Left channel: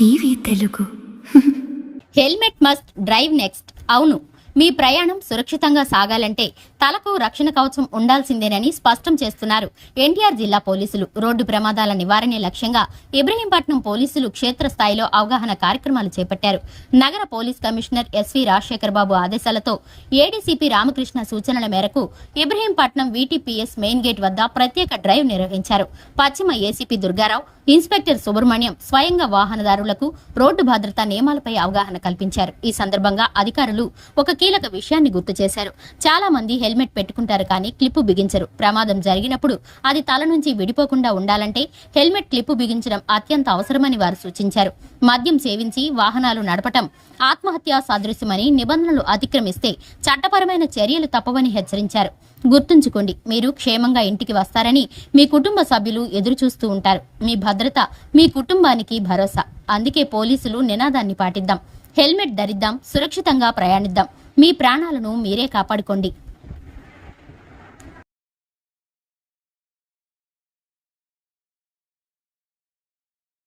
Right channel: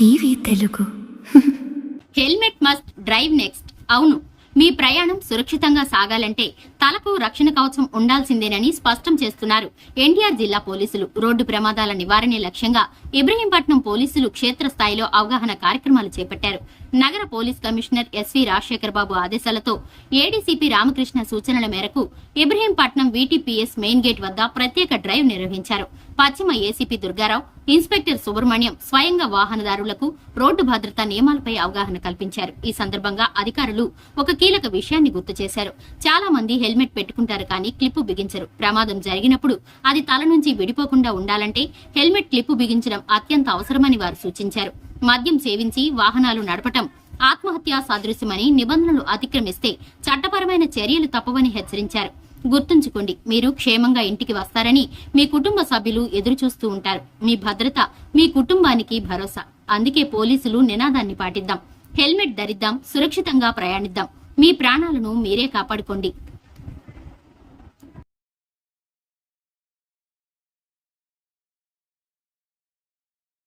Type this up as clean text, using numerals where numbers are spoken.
TV Telugu. Helmet must drive next. అవును, మీ ప్రయాణం సురక్షితంగా సాగాలంటే తలకు రక్షణ కవచం ఉండాల్సిందేనని స్పష్టం చేస్తున్నారు ఎన్టీఆర్ జిల్లా పోలీసులు. రోడ్డు ప్రమాదాల నివారణే లక్ష్యంగా ఇబ్రహీంపట్నం పోలీసులు క్షేత్రస్థాయిలో అవగాహన కార్యక్రమాలు చేపట్టారు. నగర పోలీస్ కమిషనర్ ఎస్వి రాజశేఖర్ బాబు ఆదేశాలతో ఏడీసీపీ రామకృష్ణ సూచనల మేరకు ఇబ్రహీంపట్నం వీటీపీఎస్ మెయిన్ గేట్ వద్ద ప్రత్యేక డ్రైవ్ నిర్వహించారు. పశ్చిమ ఏసీపీ దుర్గారావు, ఇన్స్పెక్టర్ సుబ్రహ్మణ్యం స్వయంగా వాహనదారులకు రోడ్డు భద్రతా నియమాలపై అవగాహన కల్పించారు. ఈ సందర్భంగా అధికారులు ఒక కీలక విషయాన్ని గుర్తు చేశారు. చాలా మంది హెల్మెట్ పెట్టుకుంటారు కానీ క్లిప్పు బిగించరు. ప్రమాదం జరిగినప్పుడు అది తల నుంచి విడిపోకుండా ఉండాలంటే హెల్మెట్ క్లిప్పు బిగించడం అత్యంత అవసరమని వారు సూచించారు. మద్యం సేవించి వాహనాలు నడపటం ఆత్మహత్యా సాదృశ్యమని, నిబంధనలు అతిక్రమిస్తే చట్టపరమైన చర్యలు తప్పవని హెచ్చరించారు. గుర్తుంచుకోండి, మీరు క్షేమంగా ఇంటికి వస్తారని మీ కుటుంబ సభ్యులు ఎదురుచూస్తూ ఉంటారు. మీ భద్రత మీ కుటుంబానికి భరోసా. అందుకే పోలీసులు నినాదాన్ని పాటిద్దాం. హెల్మెట్ ధరిద్దాం, సురక్షితంగా ప్రయాణిద్దాం. మీ ప్రాణాలను మీరే కాపాడుకోండి.